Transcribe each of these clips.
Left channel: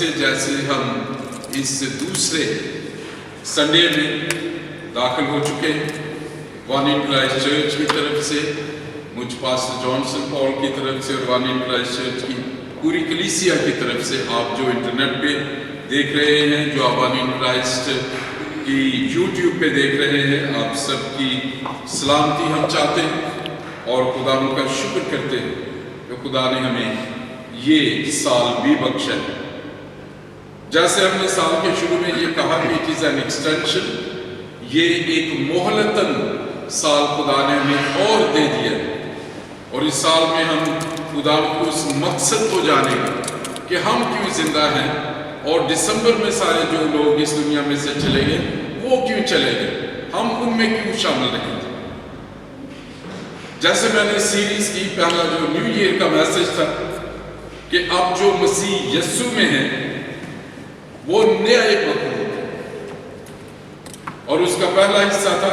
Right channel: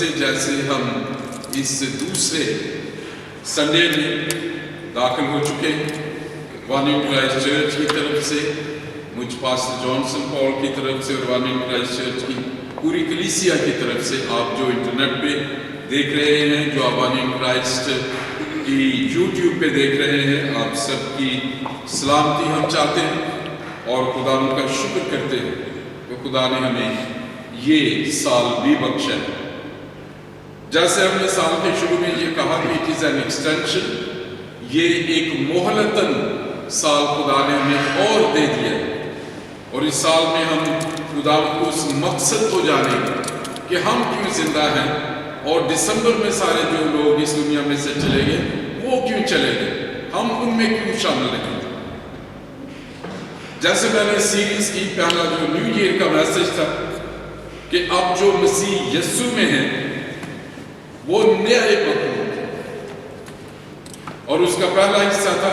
से जैसे हम इस दूसरे संडे में दाखिल हो चुके हैं, वन इन क्राइस्ट चर्च की तरफ से, मुझ पास्टर जॉनसन पॉल की तरफ से और वन इन क्राइस्ट चर्च की पूरी कलीसिया की तरफ से, आप जो इंटरनेट पे देख रहे हैं, जो आप वन इन क्राइस्ट की यूट्यूब पे देख रहे हैं, आप सबकी सलामती हम चाहते हैं और खुदा उनका शुक्र करते हैं कि खुदा ने हमें ये साल भी बख्शा है। जैसे हमने साल के शुरू में ये कहा कि इट इज़ एन एक्सटेंशन, ये एक मोहलतन साल खुदा ने हमें और दे दिया और इस साल में हम खुदा को उस मकसद को जानेंगे कि हम क्यों जिंदा हैं और दिसंबर में सारे जो लोग इस दुनिया में से चले गए वो क्यों चले गए, हम उनमें क्यों शामिल रहेंगे। जैसे मैंने सीरीज की पहला जो न्यू ईयर का मैसेज था कि अब जो मसीह यस्सु में है वो नया एक मखलूक है, और उसका पहला हिस्सा था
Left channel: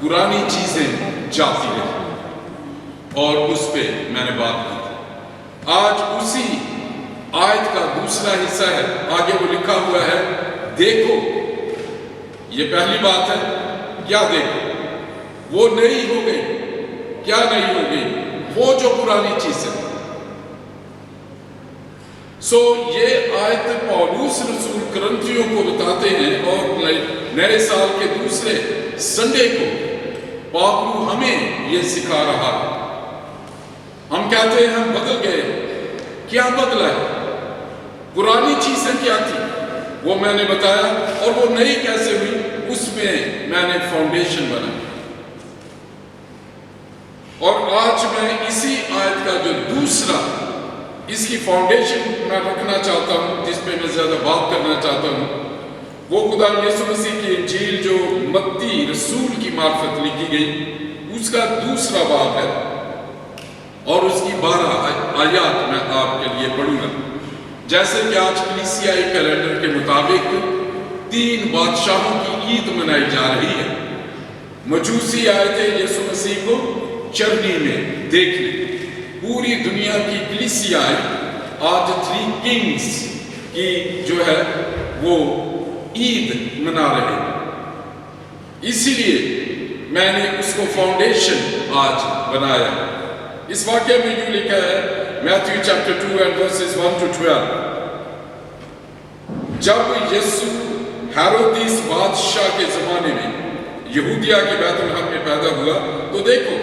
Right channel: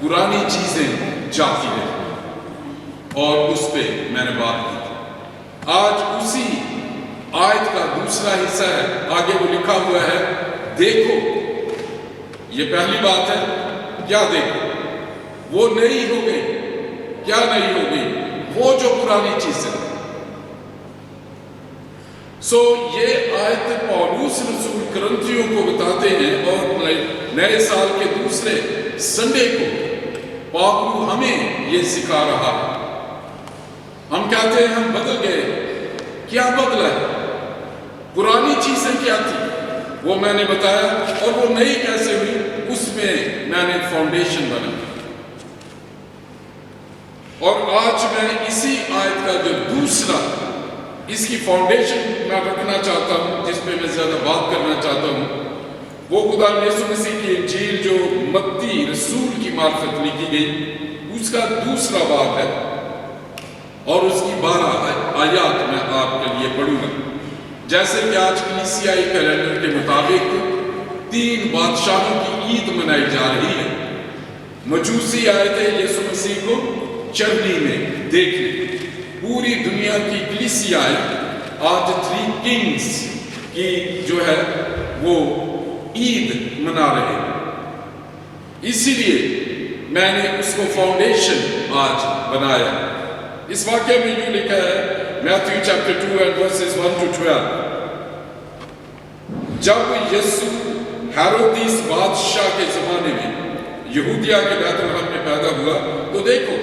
पुरानी चीजें जाती रही, और उस पे मैंने बात की थी। आज उसी आयत का दूसरा हिस्सा है, आगे वो लिखा हुआ है, देखो। ये पहली बात है, क्या देखो? वो नई हो गई। क्या नई हो गई? वो जो पुरानी चीज है। ये आयत पौलुस रसूल करंथियों को बताते हैं, और नए साल के दूसरे संडे को पापलू हमें ये सिखा रहा है। हम कहते हैं हम बदल गए, क्या बदला है? पुरानी चीजें क्या थी वो मैंने बताया, और वो नई कैसे हुई उसमें मैंने फाउंडेशन बनाया। और आज मैं इसी आयत का जो दूसरा, इसकी फाउंडेशन मैं रखना चाहता हूं, जिस पे मैं ज्यादा बात करना चाहता हूं, वो खुदा यीशु मसीह की इंजील जो मत्ती रसूल की मार्फत लिखी गई, उसका दूसरा बाब है और उसकी 12 आयत मैं आपके लिए पढ़ूंगा। जैसे कि आज कलीसियाई कैलेंडर के मुताबिक 3 बादशाहों की ईद मनाई जा रही है। मजूसी आए थे यीशु मसीह को चरनी में देखने। पूरी दुनिया की कलीसियाएं आज 3 किंग्स की जो है वो ईद मना रहे हैं। इसीलिए मैंने उसको फाउंडेशन आज बनाया। इस वाक्य में यूं लिखा है, Matthew chapter 2 and versus 1 to 12। जब यीशु हेरोदिस बादशाह के जमाने में यहूदिया के बैतलहम में पैदा हुआ, तो देखो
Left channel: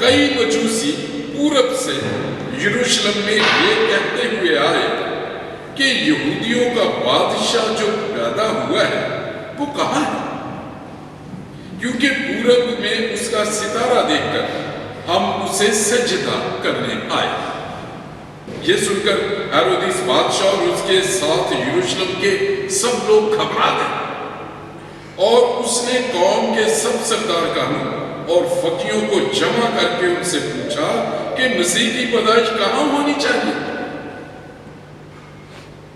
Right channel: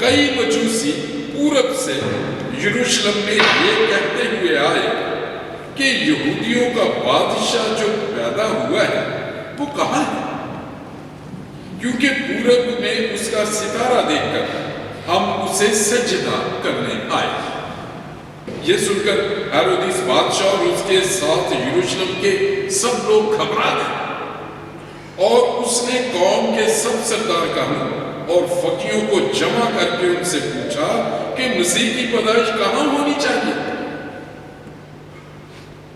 कई मजूसी पूरब से यरूशलेम में ये कहते हुए आए कि यहूदियों का बादशाह जो पैदा हुआ है वो कहाँ है, क्योंकि पूरब में उसका सितारा देखकर हम उसे सजदा करने आए। ये सुनकर हेरोदिस बादशाह और उसके साथ यरूशलेम के सब लोग घबरा गए, और उसने कौम के सब सरदारगाहों और फकीरों को जमा करके उनसे पूछा कि मसीह की पैदाइश कहां होनी चाहिए।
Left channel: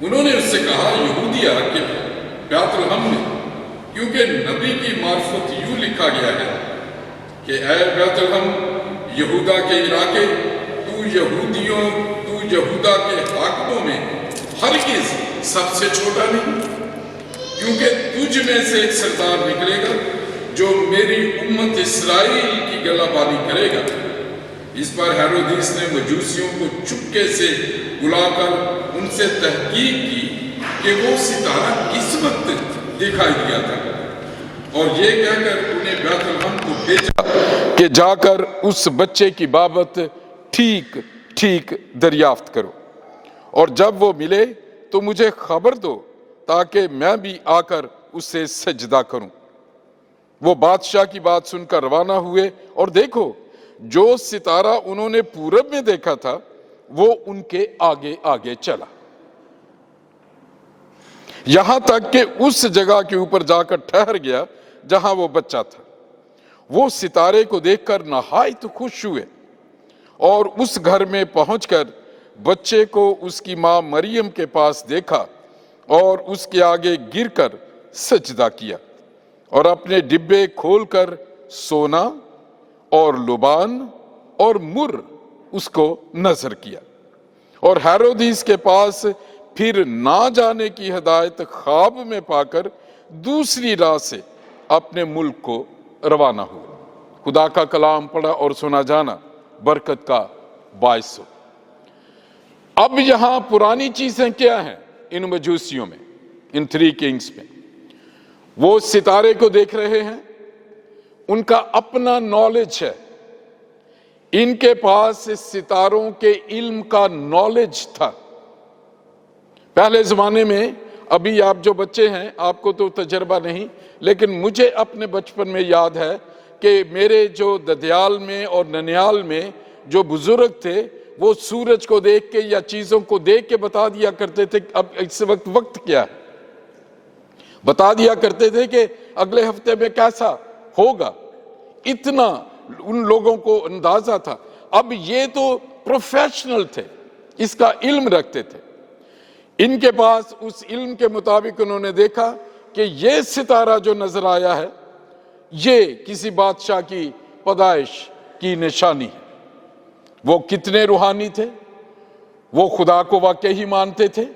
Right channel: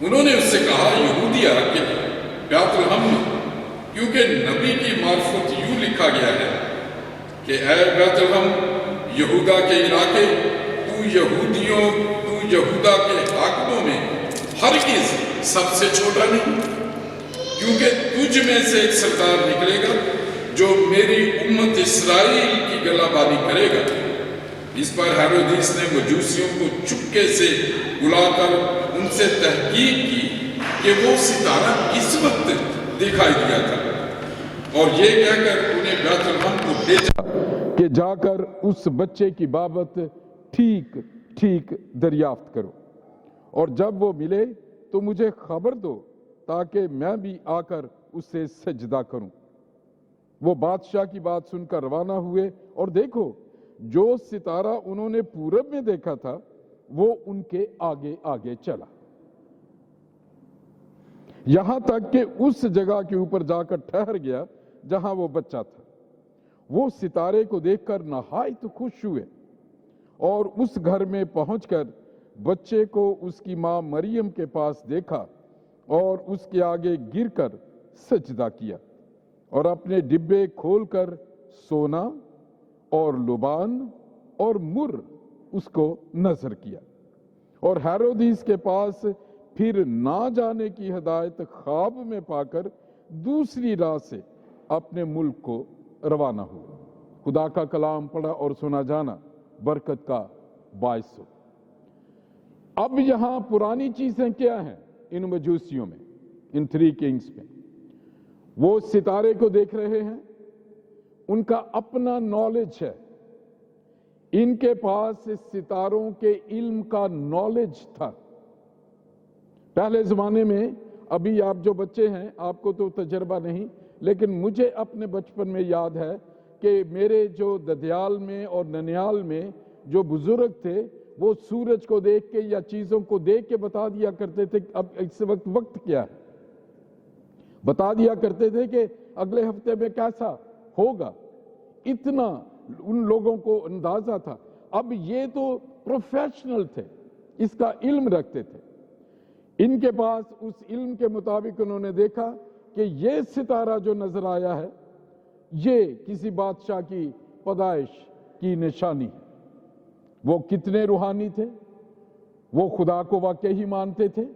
उन्होंने उससे कहा, यहूदिया के बैतलहम में, क्योंकि नबी की मार्फत यूं लिखा गया है कि ऐ बैतलहम यहूदा के इलाके, तू यहूदा के हाकिमों में हरगिज सबसे छोटा नहीं, क्योंकि तुझ में से एक सरदार निकलेगा जो मेरी उम्मत इस्राएल की गलाबानी करेगा। इस पर हेरोदिस ने मजूसियों को चुपके से बुलाकर उनसे तहकीक की कि वो सितारा किस वक्त दिखाई दिया था, और ये कहकर उन्हें बैतलहम को भेजा कि जाकर उस बच्चे की बाबत ठीक ठीक दरियाफ्त करो, और जब वो मिले तो मुझे खबर दो ताकि मैं भी आकर उससे सजदा करूं। वो बादशाह की बात सुनकर रवाना हुए, और देखो जो सितारा उन्होंने पूरब में देखा था वो उनके आगे आगे चला, यहां तक कि उस जगह के ऊपर जाकर ठहर गया जहां वो बच्चा था। वो सितारे को देखकर नहायत खुश हुए, और उस घर में पहुंचकर बच्चे को उसकी मां मरियम के पास देखा और उसके आगे गिरकर सजदा किया, और अपने डिब्बे खोलकर सोना और लुबान और मुर उसको नजर किया, और हेरोदिस के पास फिर ना जाने की हिदायत ख्वाब में पाकर दूसरी राह से अपने मुल्क को रवाना हुए। खुदा का कलाम पढ़ा और सुना जाना बरकत का बायस हो। अब यहां पुरानी चीजें क्या हैं इन मजूसियों में, इन 3 किंग्स में? वो सितारे को देख रहे हैं, उनका अपना नॉलेज है, इनके पास इस सितारों के इल्म का नॉलेज था। पहले जमाने में, अभी आप जो बच्चे हैं आपको तो तजर्बा नहीं, लेकिन मुझे अपने बचपन में याद है कि मेरे जो ददयाल में और ननियाल में जो बुजुर्ग थे वो सूरज को देख के या चीजों को देख के बता दिया करते थे अब इस वक्त क्या है, बता दिया करते थे कि अगले हफ्ते में कैसा होगा। इतना उन लोगों को अंदाजा था। अब ये तो प्रोफेशनल थे, इसका इल्म रखते थे। इनके पास उस इल्म के मुताबिक उन्होंने देखा कि ये सितारा जो नजर आया है ये किसी बादशाह की पैदाइश की निशानी है। वो कितने रूहानी थे, वो खुदा को वाकई ही मानते थे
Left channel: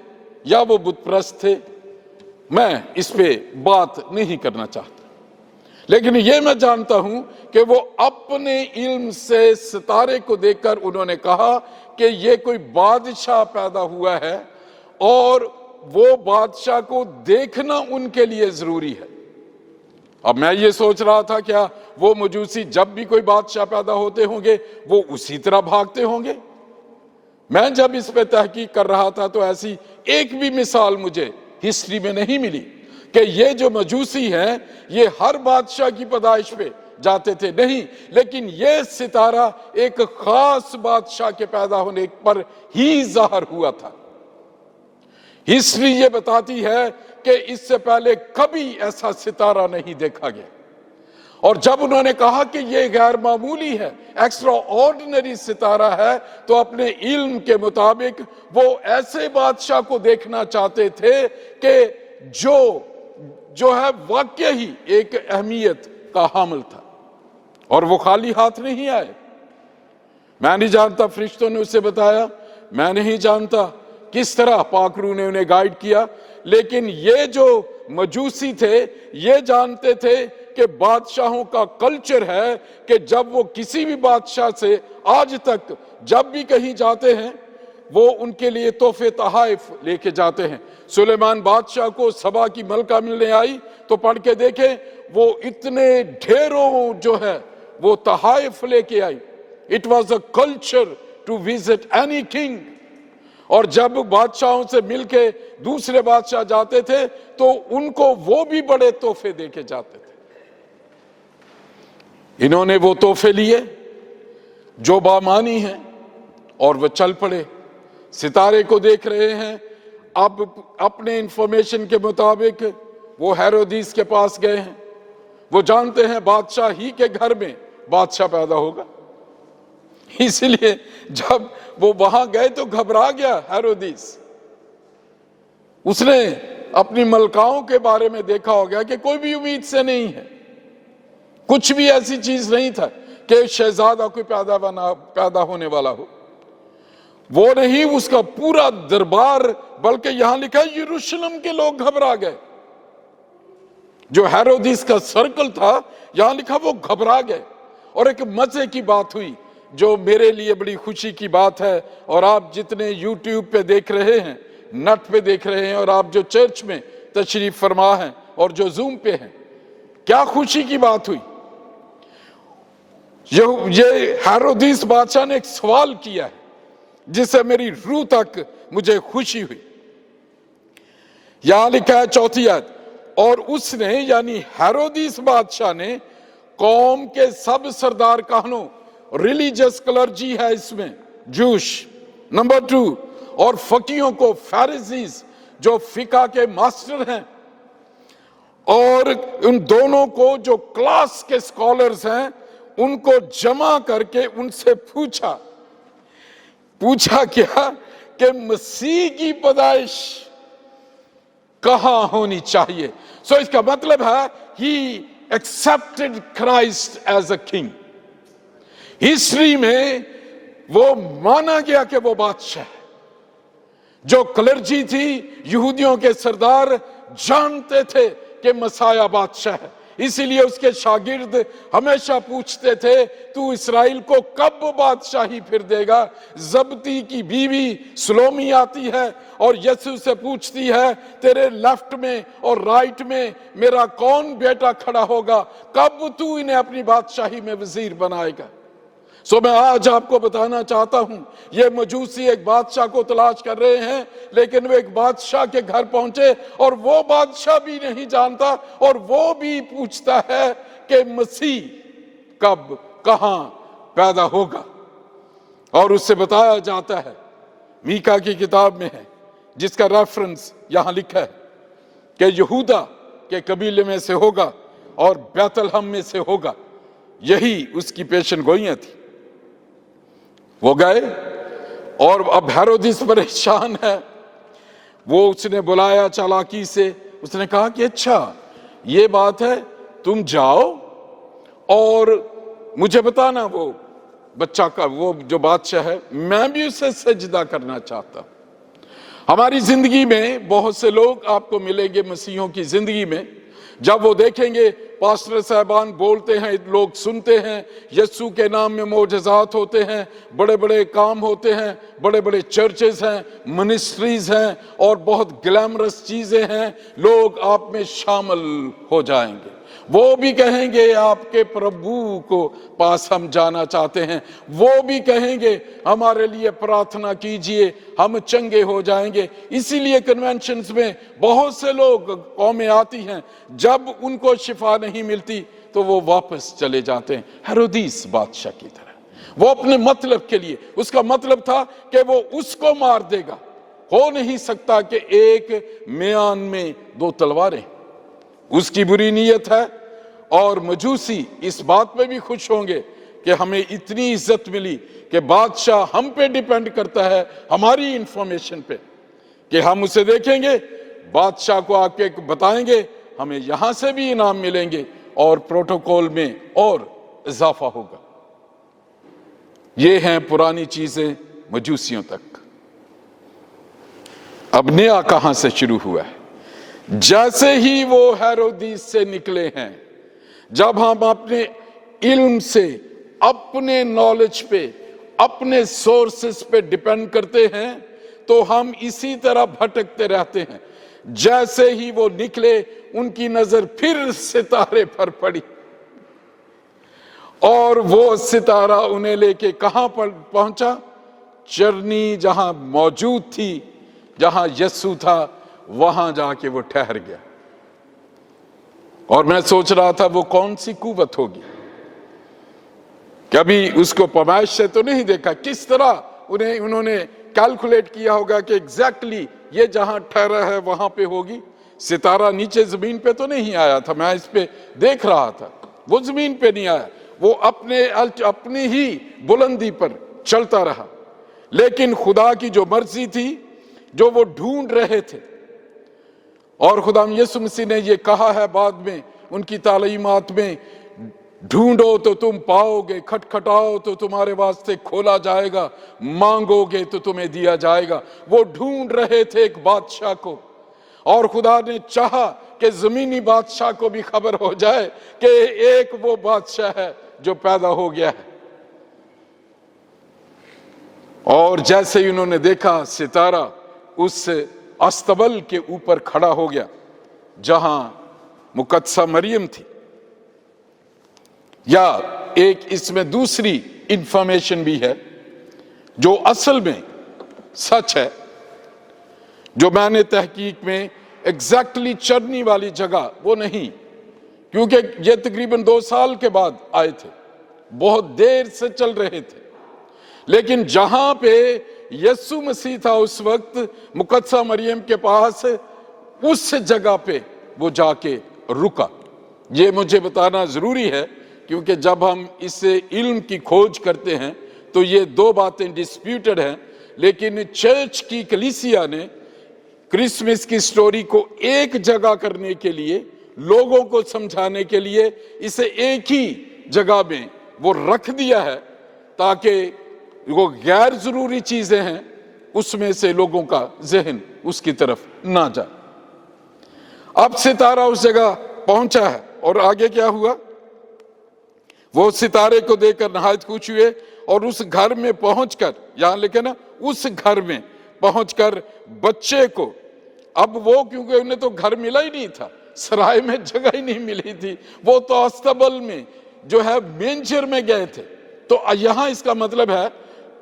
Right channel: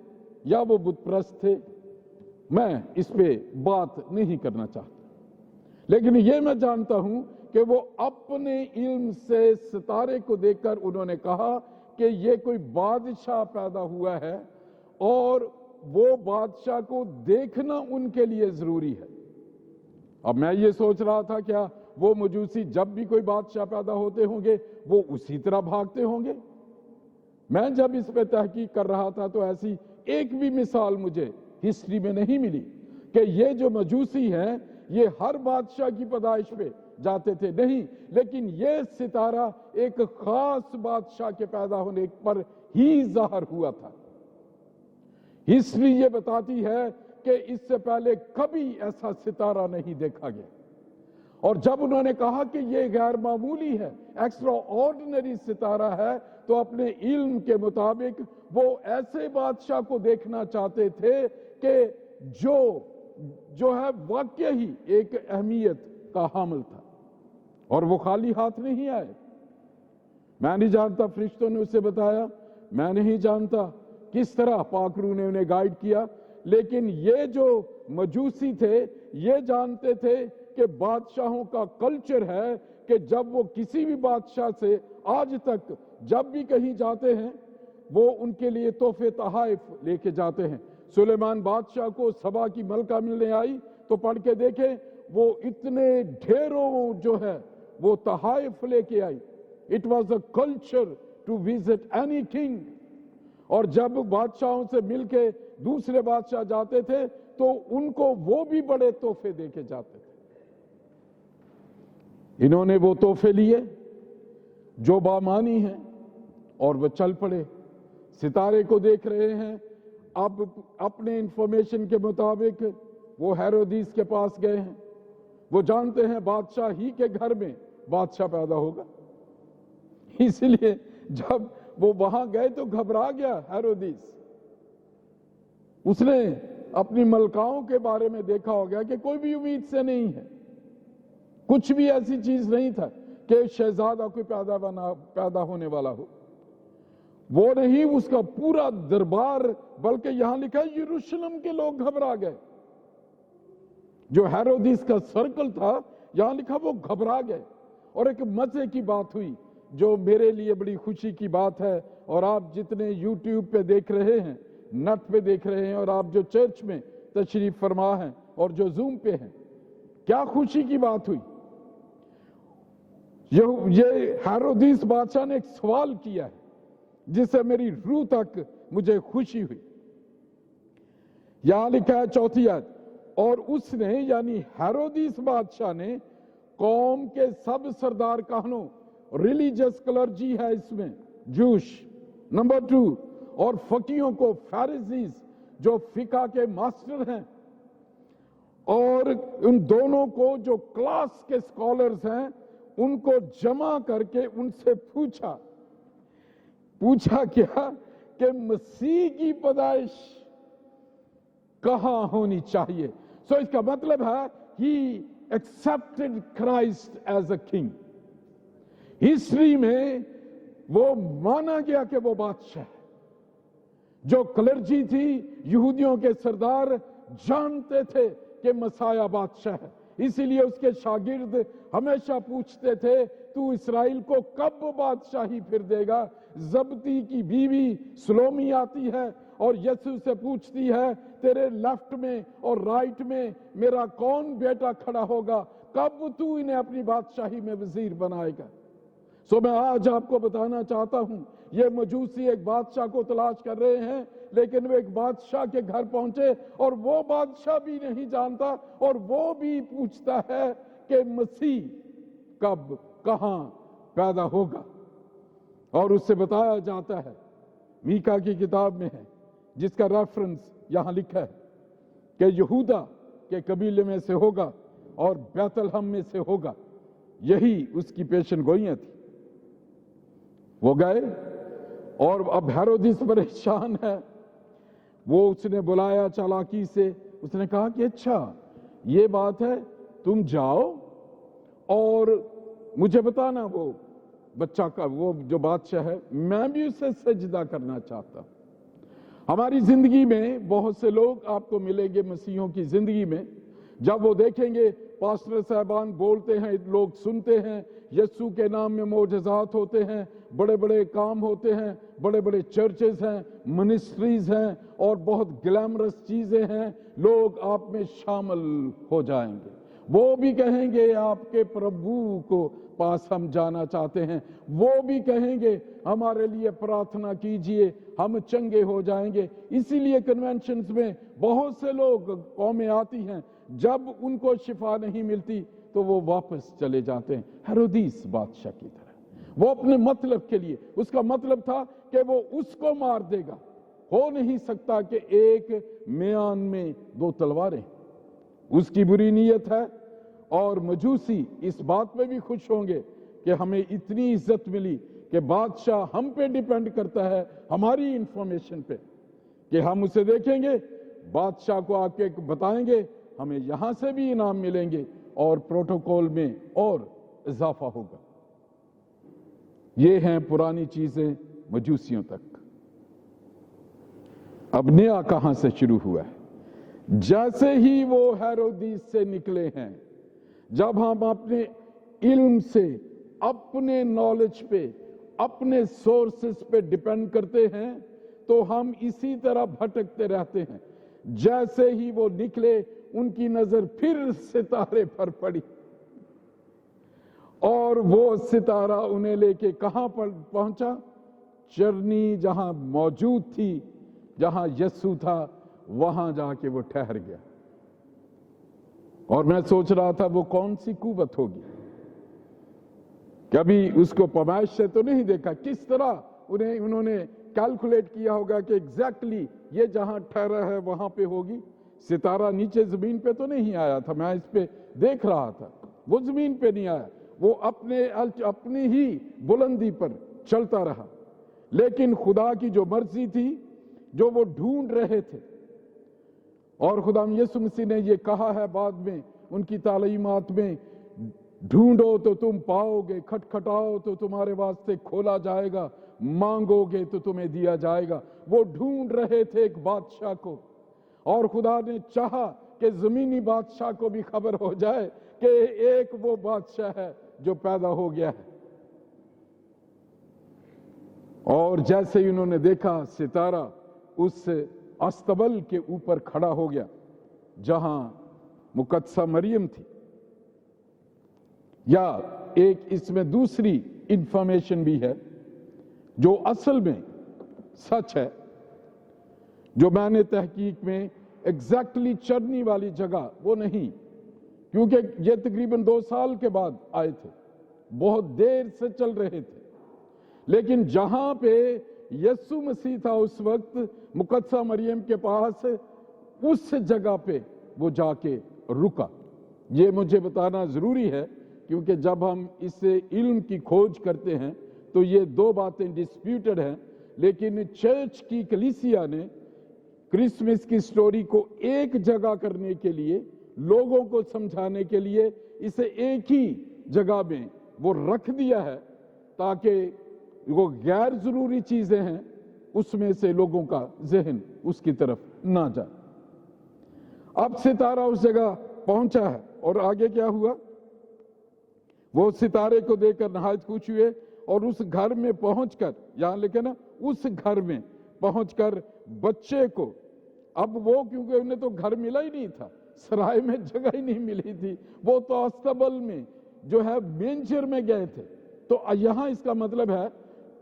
या वो बुतप्रस्त थे, मैं इस पे बात नहीं करना चाहता, लेकिन ये मैं जानता हूं कि वो अपने इल्म से सितारे को देखकर उन्होंने कहा कि ये कोई बादशाह पैदा हुआ है और वो बादशाह को देखना उनके लिए जरूरी है। अब मैं ये सोच रहा था क्या वो मजूसी जब भी कोई बादशाह पैदा होते होंगे वो उसी तरह भागते होंगे? मैं जब इस पे तहकीक कर रहा था तो ऐसी एक भी मिसाल मुझे हिस्ट्री में नहीं मिली कि ये जो मजूसी हैं ये हर बादशाह की पैदाइश पे जाते थे, नहीं, लेकिन ये सितारा एक खास बादशाह के पैदा होने पर ही जाहिर हुआ था। हिस्ट्री ये बताती है कि इससे पहले कभी ऐसा सितारा नहीं देखा गया। और जब उन्होंने कहा कि ये गैर मामूली है, एक्स्ट्रा ऑर्डिनरी सितारा है, तो अपने इल्म के मुताबिक वो ऐसे बादशाह को देखना चाहते थे कि जो है वाकई ही एक अहमियत का हामिल था। और वो खाली हाथ नहीं आए। मैं नहीं जानता फरिश्तों ने उसे बताया, मैं नहीं जानता किस तरह पाक रूह ने उन्हें गाइड किया, लेकिन ये जो मजूसी थे ये जानते थे कि बादशाहों का कल्चर है कि जब वो किसी भी बादशाह से आज तक जब भी कहीं जाते हैं वो उनके लिए तोहफे तहाइफ लेके जाते हैं। सुलेमान बादशाह को सबा की मलका मिलने आई तो पढ़ के देखें, वो इतने ढेरों जो है वो तहाइफ लेके आई। It was a culture to visit any king. और जब बादशाहों से मिलके दूसरे बादशाह जाते थे तो उनको वो भी बड़े तोहफे देके जाते थे। इन्होंने वो तोहफे लिए जो बामानी हैं और वो चल पड़े, सितारे को देख रहे हैं। अब अपने इंफॉर्मेशन के मुताबिक वो हेरोदीस के पास गए हैं। वो जानते हैं बादशाह ही के घर में बादशाह पैदा होगा, इसलिए जब वो वहां गए तो घबरा गया हेरोदीस। उसने अपनी मलकाओं के बारे में देखा हो गया कि कोई भी उम्मीद से नहीं है, कुछ भी ऐसी चीज नहीं था कि शहजादा कोई पैदा होने वाला हो। वो नहीं, उसका पूरा दरबार, बल्कि यहां लिखा है यरूशलेम के लोग घबरा गए। जो हेरोदिस का सर्कल था यहां लिखा वो घबरा गए। और एक मजे की बात हुई जो मेरे लिए बड़ी खुशी की बात है, और आप जितने यूट्यूब पे देख रहे हैं, नेट पे देख रहे हैं, और आप जो चर्च में तशरीफ फरमा हैं और जो जूम पे हैं, क्या खुशी की बात हुई। ये हेरोदिस बादशाह ने एक सवाल किया है जिससे मेरी रूह तक मुझे खुशी हुई। यहां लिखा है 4 आयत, और उसने यानी हेरोदिस बादशाह ने कौम के सब सरदार कहनों, रिलीजियस क्लर्जी है इसमें, जूश, नंबर 2, और फकीहों को, फैरिसीज जो फिका के मास्टर हैं, और उन दोनों को जो क्लास के स्कॉलर्स हैं उनको जमा करके उनसे पूछा क्या कि मसीह की पैदाइश कहां होनी चाहिए। सो इसका मतलब है he accepted Christ as a king. History में वो माना गया कि वो बादशाह है जो क्लर्जी थी, यहूदियों के सरदार जानते थे कि मसाया बादशाह है, इसीलिए उसके शागिर्द हमेशा पूछते थे, तू इस्राएल को कब बादशाही फिर देगा। जब्दी की बीवी सलोमी आती है और यीशु से पूछती है, तेरे लेफ्ट में और राइट में मेरा कौन बेटा खड़ा होगा, कब तू इन्हें अपनी बादशाही में वजीर बनाएगा। सो मैं आज आपको बताना चाहता हूं, ये मजूसी एक बादशाह को तलाश कर रहे हैं, लेकिन वो एक बादशाह के घर पहुंचे और वो बादशाह भी नहीं जानता और वो भी पूछता है कि मसीह कब कहां पैदा होगा। और उससे बताया जाता है, मीका की किताब में है, जिसका रेफरेंस यहां लिखा है कि यहूदा के कबीले में से होगा और बैतलहम में से होगा। यही उसकी पेशन गोइयां थी। वो गए और अब हेरोदिस परेशान है। वो उसने बुलाया चालाकी से, उसने कहा कि अच्छा ये बात है, तुम जाओ और मुझे बताना वो बच्चा का, वो जो बादशाह है, मैं भी उसे सजदा करना चाहता हूं। हमारी जिंदगी में बहुत से लोग आपको मिलेंगे, मसीहों की जिंदगी में, जब वो देखेंगे पास्टर साहबान बोलते हैं, लोग सुनते हैं, यीशु के नाम में मोजज़ात होते हैं, बड़े बड़े काम होते हैं, बड़े बड़े चर्चेस हैं, मिनिस्ट्रीज हैं और बहुत ग्लैमरस चीजें हैं, लोग आप में शामिल हो जाएंगे। वो भी कहेंगे आपके प्रभु को पास हम जाना चाहते हैं, वो भी कहेंगे हमारे लिए प्रार्थना कीजिए, हम चंगे हो जाएंगे। इसीलिए कन्वेंशंस में बहुत से लोग, कौमें आती हैं, जब उनको शिफा नहीं मिलती तो वो वापस चले जाते हैं, हेरोदिस बादशाह की तरह। वो अपने मतलब के लिए, उसका मतलब था कि वो उसको मार देगा। हो नहीं सकता कि एक म्यान में दो तलवारें। उसकी बुरी नीयत है और मजूसी इस बात पे भी खुश होंगे कि हमें इतनी इज्जत मिली कि बादशाह हम पे डिपेंड करता है, हमारी इंफॉर्मेशन पे, कि हम उसे देखेंगे, बादशाह को आके बताएंगे, हमें यहां से भी इनाम मिलेंगे और प्रोटोकॉल में और इजाफा होगा। ये हैं पुरानी चीजें मजूसियों तक। अब नया कहां से शुरू हुआ है? जैसे ही वो हेरोदिस से निकले हैं, जब हम अपने इल्म से, अपने नॉलेज पे, अपने सोर्सेस पे डिपेंड करते हैं, तो हम इसी तरह भटकते रहते हैं। जैसे ही वो निकले, उनकी नजर फिर सितारे पर पड़ी और वो सितारा उन्हें लेके कहां पर पहुंचा? चरनी जहां मौजूद थी, जहां यीशु था, वहां जाके वो ठहर गया। और मैं सोच रहा था वो कौन सी कुवत होगी, कभी उसको पैमाइश से तो नहीं देखा, किस तरह उन्होंने कैलकुलेट किया होगा कि एग्जैक्टली ये जहां ठहरा है वहां पे होगी। सितारा नीचे जमीन पे तो नहीं आया था, मैं इस पे देख रहा था, वो जमीन पे नहीं आया, वो अपनी ही बुलंदी पर चलता रहा। लेकिन खुदा की जो मर्जी थी, जो वो ढूंढ रहे थे, और खुदा यीशु मसीह ने ये कहा है बाद में उनकी तालीमात में, ढूंढो तो तुम पाओगे, खटखटाओ तो तुम्हारे वास्ते खोला जाएगा, मांगोगे तो तुम्हें दिया जाएगा। वो ढूंढ रहे थे एक बादशाह को, और खुदा ने चाहा कि जमीनी बादशाह को भी खबर हो जाए कि एक वो बादशाह है जो पैदा हो गया है। और जैसे ही उन्होंने देखा, सितारा उस अस्तबल के ऊपर खड़ा हो गया जहां मुकद्दसा मरियम थी। या एक इसमें दूसरी इंफॉर्मेशन भी है जो असल में सच है, जो मैंने तहकीक में एग्जैक्टली चरनी वाली जगह वो नहीं, क्योंकि ये तकरीबन 2 साल के बाद आए थे, बहुत देर से चल रहे थे। लेकिन जहां पे यीशु मसीह था उस वक्त मुकद्दसा मरियम के पास, उस जगह पे वो जाके रुका। ये मुझे बताना जरूरी है, क्योंकि जब हम इससे इल्म की खोज करते हैं तो ये 2 बातें डिस्प्यूटेड हैं। लेकिन चर्च की कलीसिया ने क्रिसमस की स्टोरी को एक जगह करने के लिए, लोगों को समझाने के लिए, इसे एक ही जगह में वो रख दिया है, ताकि वो गैर जरूरी चीजें हैं उसमें से लोगों का जहन उसकी तरफ ना जाए। अब सितारा उस जगह पहुंचा है और आगे क्या हुआ, वो सितारे को देखकर नहायत खुश हुए और उस घर में पहुंचकर, यहां लिखे ना, उस घर में पहुंचकर बच्चे को, अब वो क्योंकि उन्हें तो घर मिला ही नहीं था, सराय में जगह ही नहीं मिली थी, वो तो अस्तबल में जो है मेंजर में गए थे। तो यहां इसका मतलब है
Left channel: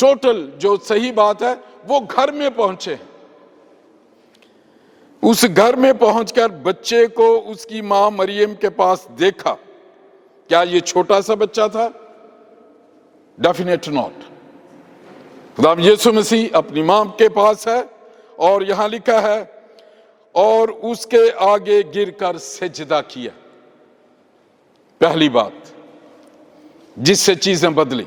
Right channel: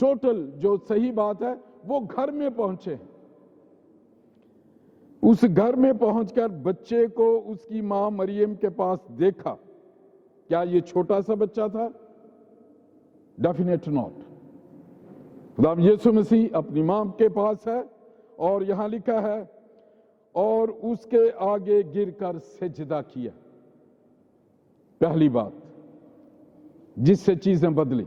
टोटल जो सही बात है वो घर में पहुंचे हैं। उस घर में पहुंचकर बच्चे को उसकी मां मरियम के पास देखा। क्या ये छोटा सा बच्चा था? Definite not. खुदाम यीशु मसीह अपनी मां के पास है और यहां लिखा है और उसके आगे गिरकर सजदा किया। पहली बात जिससे चीजें बदली,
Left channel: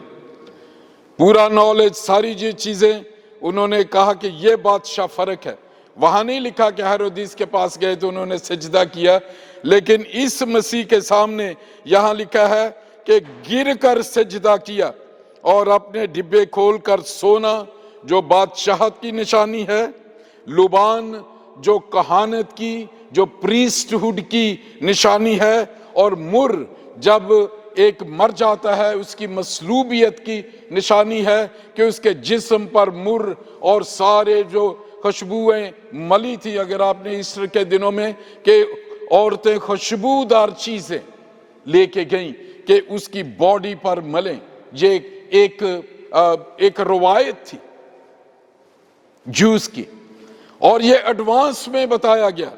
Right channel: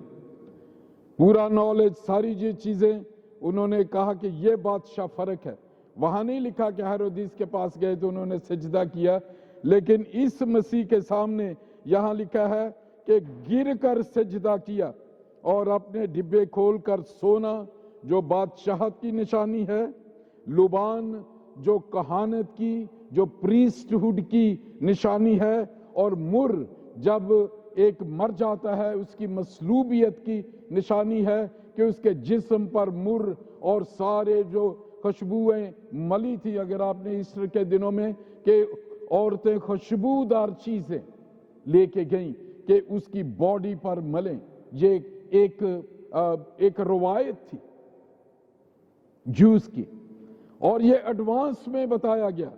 पूरा नॉलेज, सारी जो चीजें, उन्होंने कहा कि यह बादशाह फर्क है। वहां नहीं लिखा कि हेरोदिस के पास गए तो उन्होंने सजदा किया, लेकिन इस मसीह के सामने यहां लिखा है कि गिरकर सजदा किया और अपने डिब्बे खोलकर सोना जो बादशाहत की निशानी है, लुबान जो कहानत की, जो प्रीस्टहुड की निशानी है, और मुर जब एक मर जाता है उसकी मसलूबियत की निशानी है कि उसके जिस्म पर मुर और सारे जो खुशबुएं मली थी। अगर आपने ईस्टर के दिनों में कि औरतें खुशबूदार चीजें लेके गईं कि उसकी बॉडी पर मलें, ये एक रवायत थी जूस की, और ये एडवांस में बताया गया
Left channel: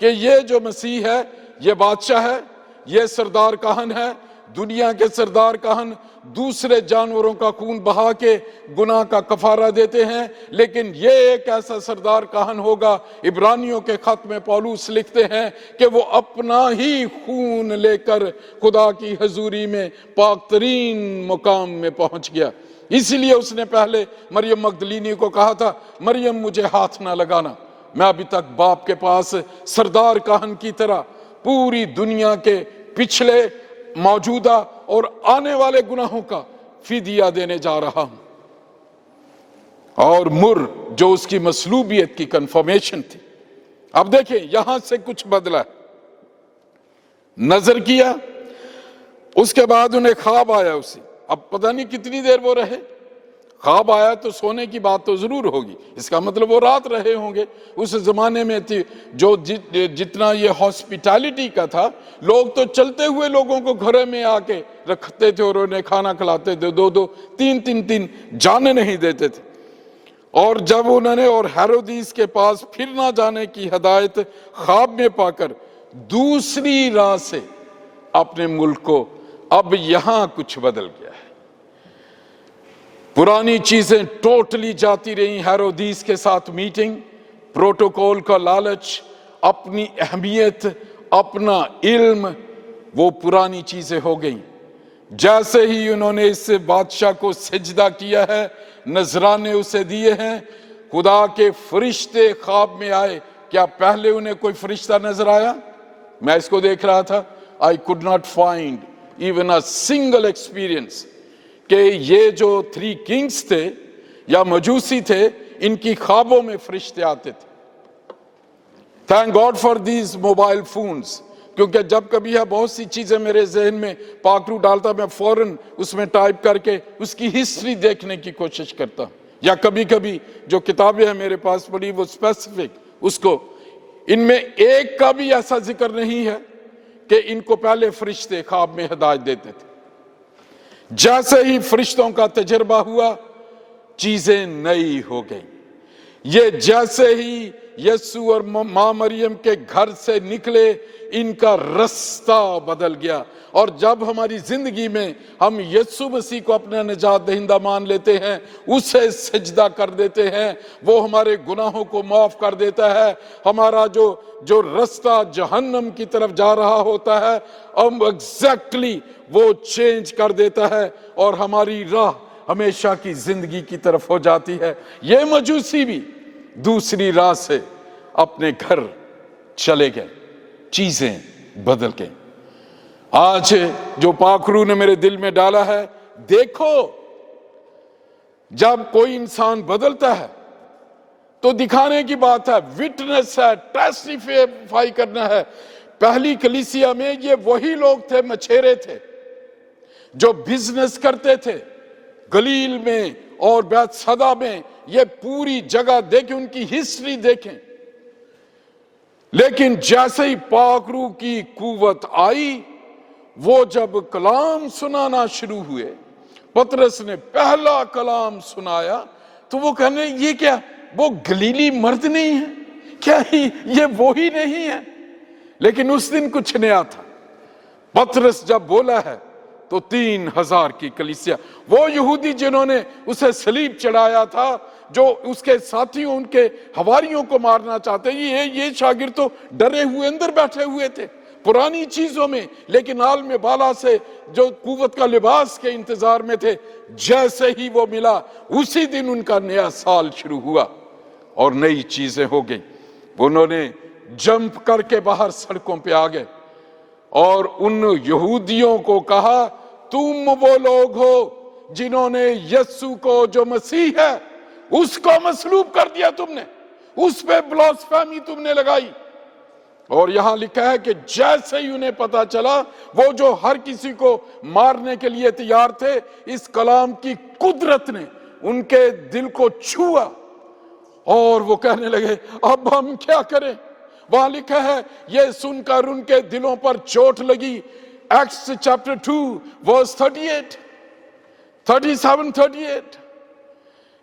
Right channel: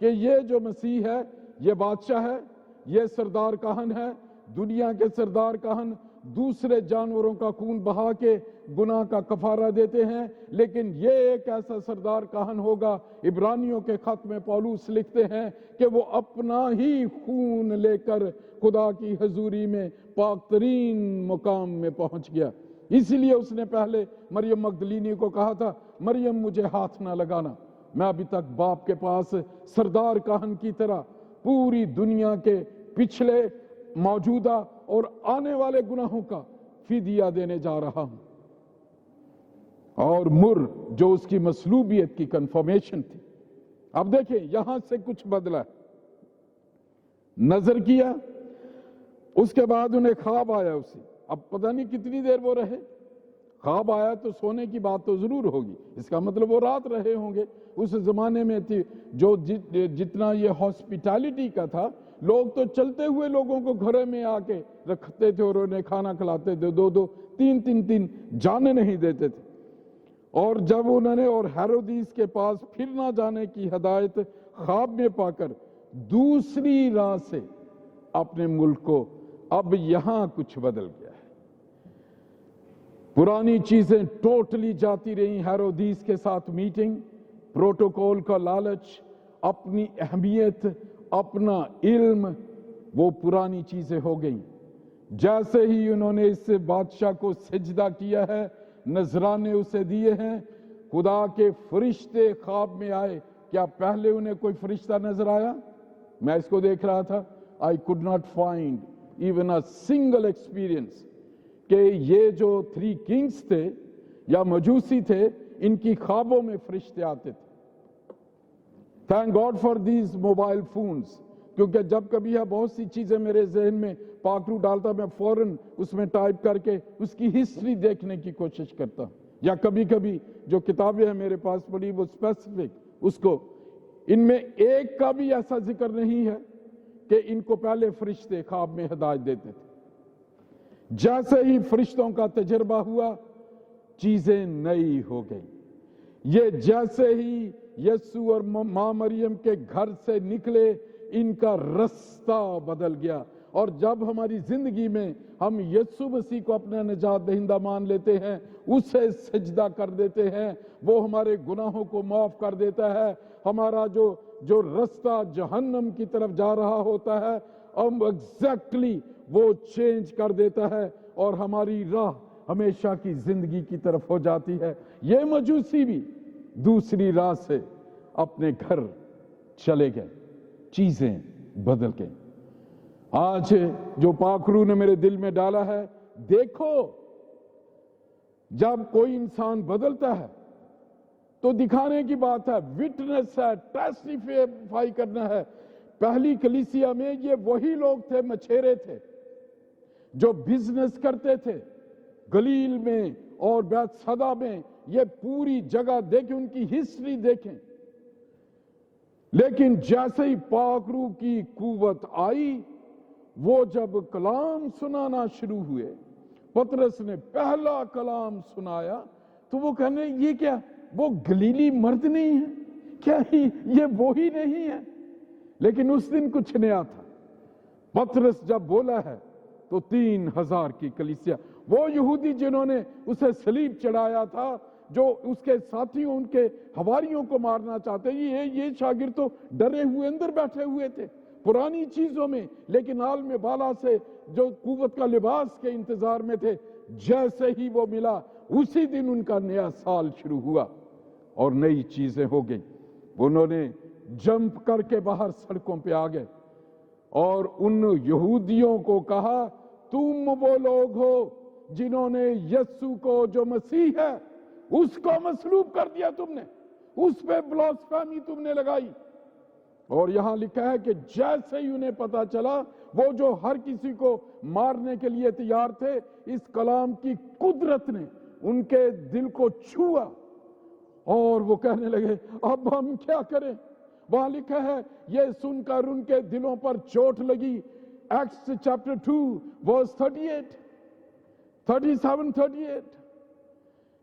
कि ये जो मसीह है ये बादशाह है, ये सरदार काहन है, दुनिया के सरदार काहन दूसरे जानवरों का खून बहा के गुनाह का कफारा देते हैं, लेकिन ये एक ऐसा सरदार काहन होगा, इब्रानियों के खत में पौलुस लिखते हैं कि वो अपना ही खून लेकर खुदा की हजूरी में पाक तरीन मुकाम में पहुंच गया। इसलिए उसने पहले मरियम मगदलीनी को कहा था, मरियम मुझे हाथ ना लगाना, मैं अभी तक बाप के पास सरदार काहन की तरह पूरी दुनिया के पिछले, मौजूदा और आने वाले गुनाहों का फिदिया देने जा रहा हूं। और मुर जो उसकी मसलूबियत की कंफर्मेशन थी। अब देखिए यहां से कुछ बदला, नजर किया, उसके बाद उन्हें ख्वाब आया उसे। अब पता नहीं कितनी देर वो रहे, ख्वाब आया तो सोने की बात तो जरूर होगी, इसका मतलब वो रात रहे होंगे। उस जमाने में थी जो जितना ये हॉस्पिटैलिटी का था, लोग तो चलते हुए लोगों को घर में आके रखते थे और उन्हें खाना खिलाते थे, 2-2, 3-3 जाने नहीं देते थे। और जब उन्होंने और हेरोदिस के पास फिर ना जाने की हिदायत ख्वाब में पाकर दूसरी राह से अपने मुल्क को, अब यहां कुछ बदल गया है। पुरानी चीजें टोटली जाती रही, हेरोदिस के साथ मीटिंग, प्रोटोकॉल का लालच, अपनी अहमियत, अपना इल्म, वो पुरानी चीजें हो गई। जैसे ही उन्होंने इस बादशाह को सजदा किया है, नजराने उसे दिए हैं, खुदा के फरिश्ते ख्वाब में आए। क्या पहले उन्हें कोई फरिश्ता नजर आया? मैं इसको देख रहा था, I could not find even a single experience कि ये जो 3 किंग्स थे या मजूसी थे, इनकी ख्वाबों में फरिश्ते आते थे। Thank God for these mobile phones, क्योंकि जब कभी है बहुत सी चीजें मेरे जहन में पाखरू डालता, मैं फौरन उसमें टाइप करके उसकी हिस्ट्री देखने की कोशिश करता, या कभी कभी जो किताबें हैं मेरे पास पड़ी वो स्पेसिफिक उसको, इनमें एक का भी ऐसा जिक्र नहीं है कि इनको पहले फरिश्ते ख्वाब में हिदायत देते थे। जैसे ही फरिश्तों का तजर्बा हुआ, चीजें नई हो गई। ये जैसे ही यीशु और मां मरियम के घर से निकले, इनका रास्ता बदल गया। और जब हमारी जिंदगी में हम यीशु मसीह को अपना निजात दहिंदा मान लेते हैं, उसे सजदा कर देते हैं, वो हमारे गुनाहों को माफ कर देता है। हमारा जो रास्ता जहन्नम की तरफ जा रहा होता है, अब एग्जैक्टली वो चेंज कर देता है और हमारी राह हमेशा की जिंदगी की तरफ हो जाती है। ये मजूसी भी दूसरी राह से अपने घर चले गए, चीजें बदल गई। आज जो पाखरू ने मेरे दिल में डाला है, देखो जब कोई इंसान बदलता है तो दिखाने की बात है, विटनेस है, टेस्टिफाई करना है। पहली कलीसिया में ये वही लोग थे, मछेरे थे, जो बिजनेस करते थे गलील में और बैतसैदा में। ये पूरी जगह देखें, उनकी हिस्ट्री देखें। लेकिन जैसे ही पाक रूह की कुव्वत आई, वो जब कलाम सुनाना शुरू हुए, पतरस ने पहला कलाम सुनाया, तो वो कहने ये क्या, वो गलीली मर्द नहीं है क्या, ये वो ही नहीं है? लेकिन उस दिन कुछ नया था। पतरस जब बोला है तो 3000 की कलीसिया, वो यहूदी जिन्होंने उसे सलीब चढ़ाया था, जो उसके साथियों, उनके हवारियों को मारना चाहते, ये शागिर्द तो डरे हुए अंदर बैठे हुए थे पुरानी चीजों में, लेकिन आल में बाला से जो कुव्वत का लिबास के इंतजार में थे। जैसे ही वो मिला, उसी दिन उनका नया साल शुरू हुआ और नई चीजें हो गई। उन्होंने जंप करके बाहर सड़कों पे आ गए और उन यहूदियों को कहा, तुम वो लोग हो जिन्होंने यीशु को, जो मसीह है, उसको मसलूब कर दिया तुमने, उस पे ब्लास्फेमी तुमने लगाई। और यहां लिखा है कि जैसे ही उन्हें पता चला, वो जो हर किसी को मारने के लिए तैयार थे, इस कलाम की कुदरत ने उनके दिल को छुआ और वो कहने लगे, अब हम क्या करें? वहां लिखा है, ये सुनकर उनके दिलों पर चोट लगी। Acts chapter 2 verse 38, 37, 38।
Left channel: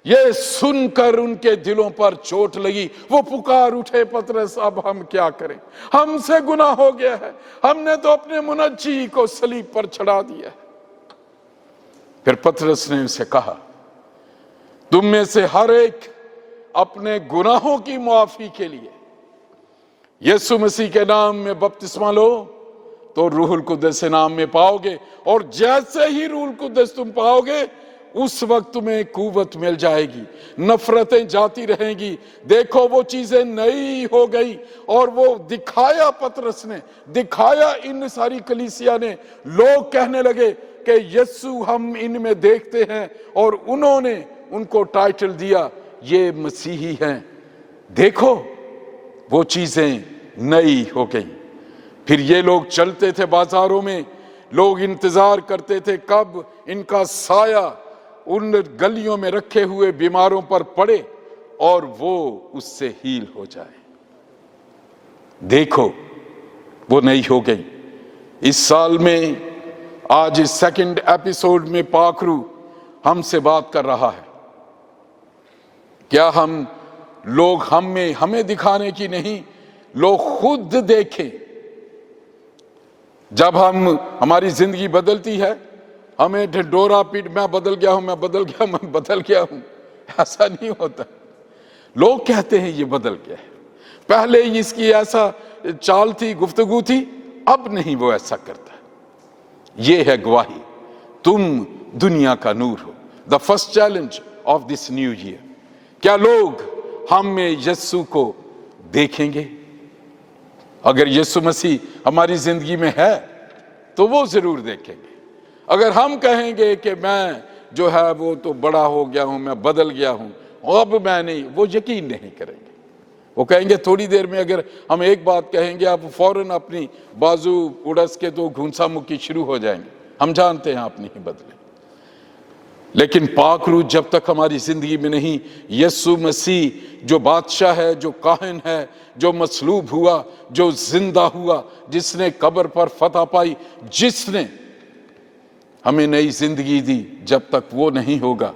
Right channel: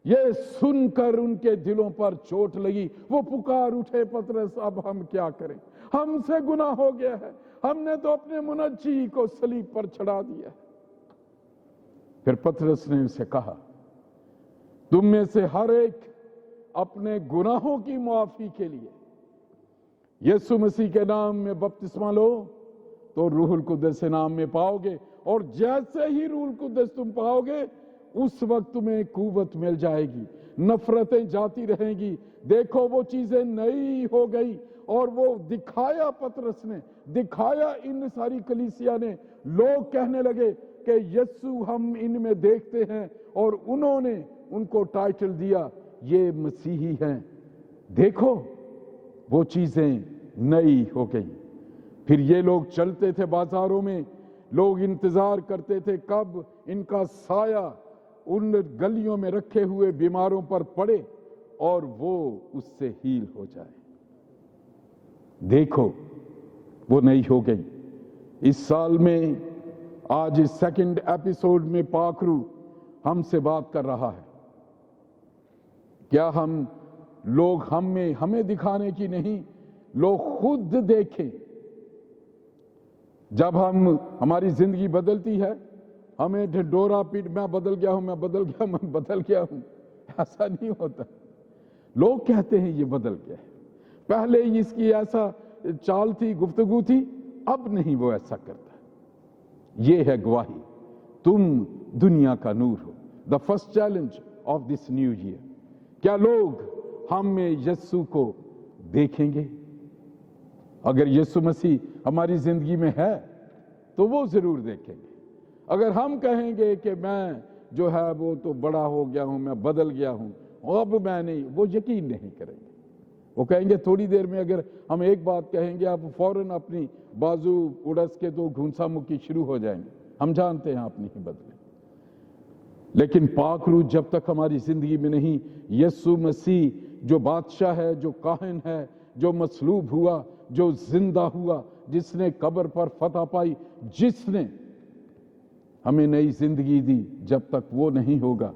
ये सुनकर उनके दिलों पर चोट लगी। वो पुकार उठे, पतरस अब हम क्या करें? हमसे गुनाह हो गया है, हमने तो अपने मुनज्जी को सलीब पर चढ़ा दिया है। फिर पतरस ने उसे कहा, तुम में से हर एक अपने गुनाहों की मुआफी के लिए यीशु मसीह के नाम में बपतिस्मा लो, तो रूहुल कुद्दस के नाम में पाओगे। और जैसे ही रूहुल कुद्दस तुम पाओगे, उस वक्त तुम्हें कुव्वत मिल जाएगी, नफरतें जाती रहेंगी। देखो वो चीजें नई हो गई। और वो दिखाया, पतरस ने दिखाया, इन सारी कलीसिया ने, लोग कहने लगे कि यीशु हम इनमें देखते हैं, और उन्होंने उनको टाइटल दिया, ये मसीही हैं। देखो वो चीजें नई हो गई। फिर ये लोग चलते थे बाजारों में, लोग इंतजार करते थे कब इनका साया उन गलियों में रखे हुए बीमारों पर पड़े और वो उससे हील हो जाए। देखो वो नई हो गई। इस साल में आज इस सेकंड एपिसोड में पाक रूह हमसे बात कर रहा है। क्या हम लोग हमें दिखाने की नहीं, लोग खुद देखें। जब हमारी जिंदगी बदलती है, हमें ढिंढोरा पीट, मैं बदल गया हूं, मैं बदल गया हूं, ऐसा नहीं होता। लोग कहते हैं ये बदल गया है, पहले इसकी ऐसा चाल थी, गुफ्तगू थी, अब नहीं वो ऐसा करता। ये है गवाही, तुम दुनिया का नूर हो। The first challenge of this new year, क्या लोग हम में यीशु को देखेंगे? अगर यीशु मसीह हमारी जिंदगी में है तो वो जरूर देखेंगे। अगर हम कहेंगे कि मैं जो है वो तो बड़ा हो गया हूं, मैं बदल गया हूं, अब मैं नहीं, वो यकीन नहीं करेंगे। वो कहेंगे, थोड़ी देर में अगर हम एक बात कहेंगे, आप फौरन अपनी बाजू उड़स के तो घूंसा मुक्की शुरू हो जाएंगे। हम जानते हैं आप नहीं बदले। लेकिन पाक रूह जब तक हमारी जिंदगी में नहीं, यीशु मसीह जो बादशाह है, जो काहिन है, जो मसलूब हुआ, जो जिंदा हुआ, जिसने कब्र पर फतह पाई, जिसने हमें नई जिंदगी दी, जब तक वो नहीं होगा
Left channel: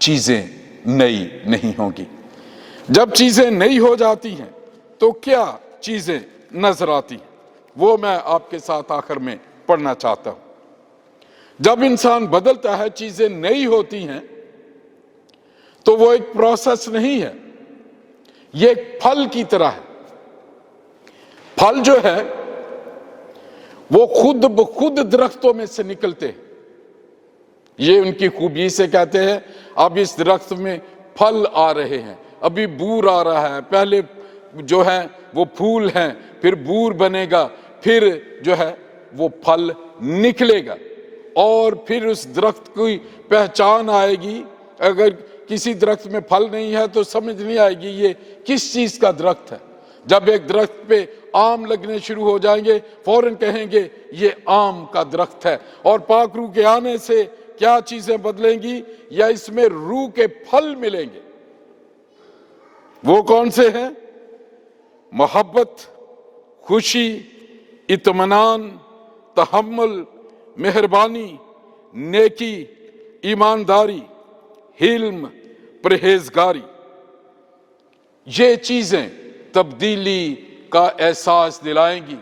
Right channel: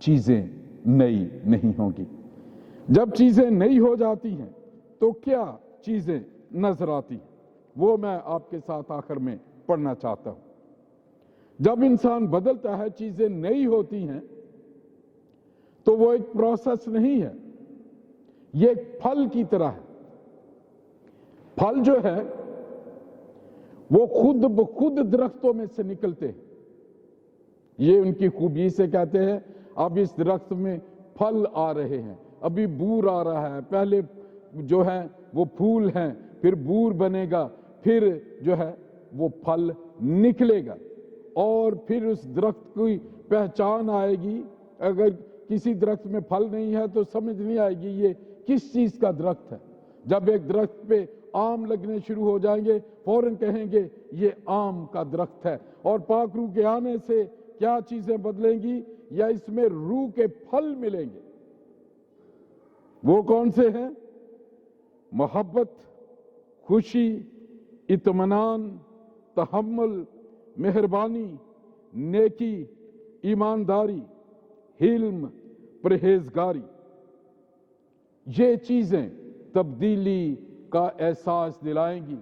चीजें नई नहीं होंगी। जब चीजें नई हो जाती हैं तो क्या चीजें नजर आती हैं, वो मैं आपके साथ आखिर में पढ़ना चाहता हूं। जब इंसान बदलता है, चीजें नई होती हैं, तो वो एक प्रोसेस नहीं है, ये एक फल की तरह है। फल जो है वो खुद ब खुद दरख्तों में से निकलते हैं। ये उनकी खूबी से कहते हैं, अब इस दरख्त में फल आ रहे हैं, अभी बूर आ रहा है, पहले जो है वो फूल हैं, फिर बूर बनेगा, फिर जो है वो फल निकलेगा, और फिर उस दरख्त की पहचान आएगी। अगर किसी दरख्त में फल नहीं है तो समझ नहीं आएगी ये किस चीज का दरख्त है। जब एक दरख्त पे आम लगने शुरू हो जाएंगे फौरन कहेंगे ये आम का दरख्त है। और पाक रूह के आने से क्या चीजें बदलेंगी, या इसमें रूह के फल मिलेंगे। वो कौन से हैं? मोहब्बत, खुशी, इत्मीनान, तहम्मुल, मेहरबानी, नेकी, ईमानदारी, हिल्म, परहेजगारी। ये चीजें तब्दीली का एहसास दिलाएंगी।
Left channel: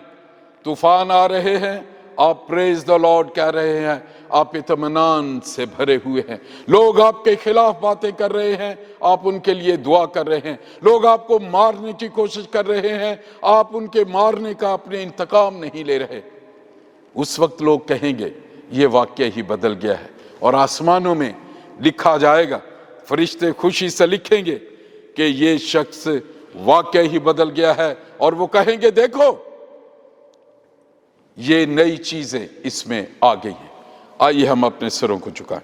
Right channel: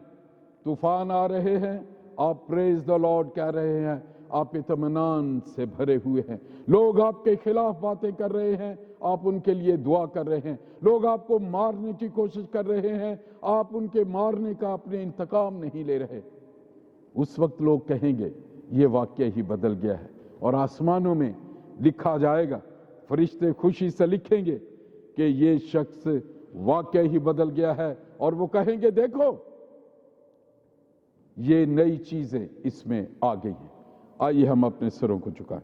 तूफान आ रहे हैं, आप प्रेज द लॉर्ड कह रहे हैं, आप इत्मीनान से भरे हुए हैं। लोग आपके खिलाफ बातें कर रहे हैं, आप उनके लिए दुआ कर रहे हैं। लोग आपको मारने की कोशिश कर रहे हैं, आप उनके मारने का अपने इंतकाम नहीं ले रहे। उस वक्त लोग कहेंगे ये वाक्य ही बदल गया है, और आसमानों में लिखा जाएगा, फरिश्ते खुशी से लिखेंगे कि ये शख्स वाक्य ही बदल गया है। और वो कहेंगे देखो ये नई चीजें इसमें आ गई हैं। आइए हम अपने सिरों को झुकाएं।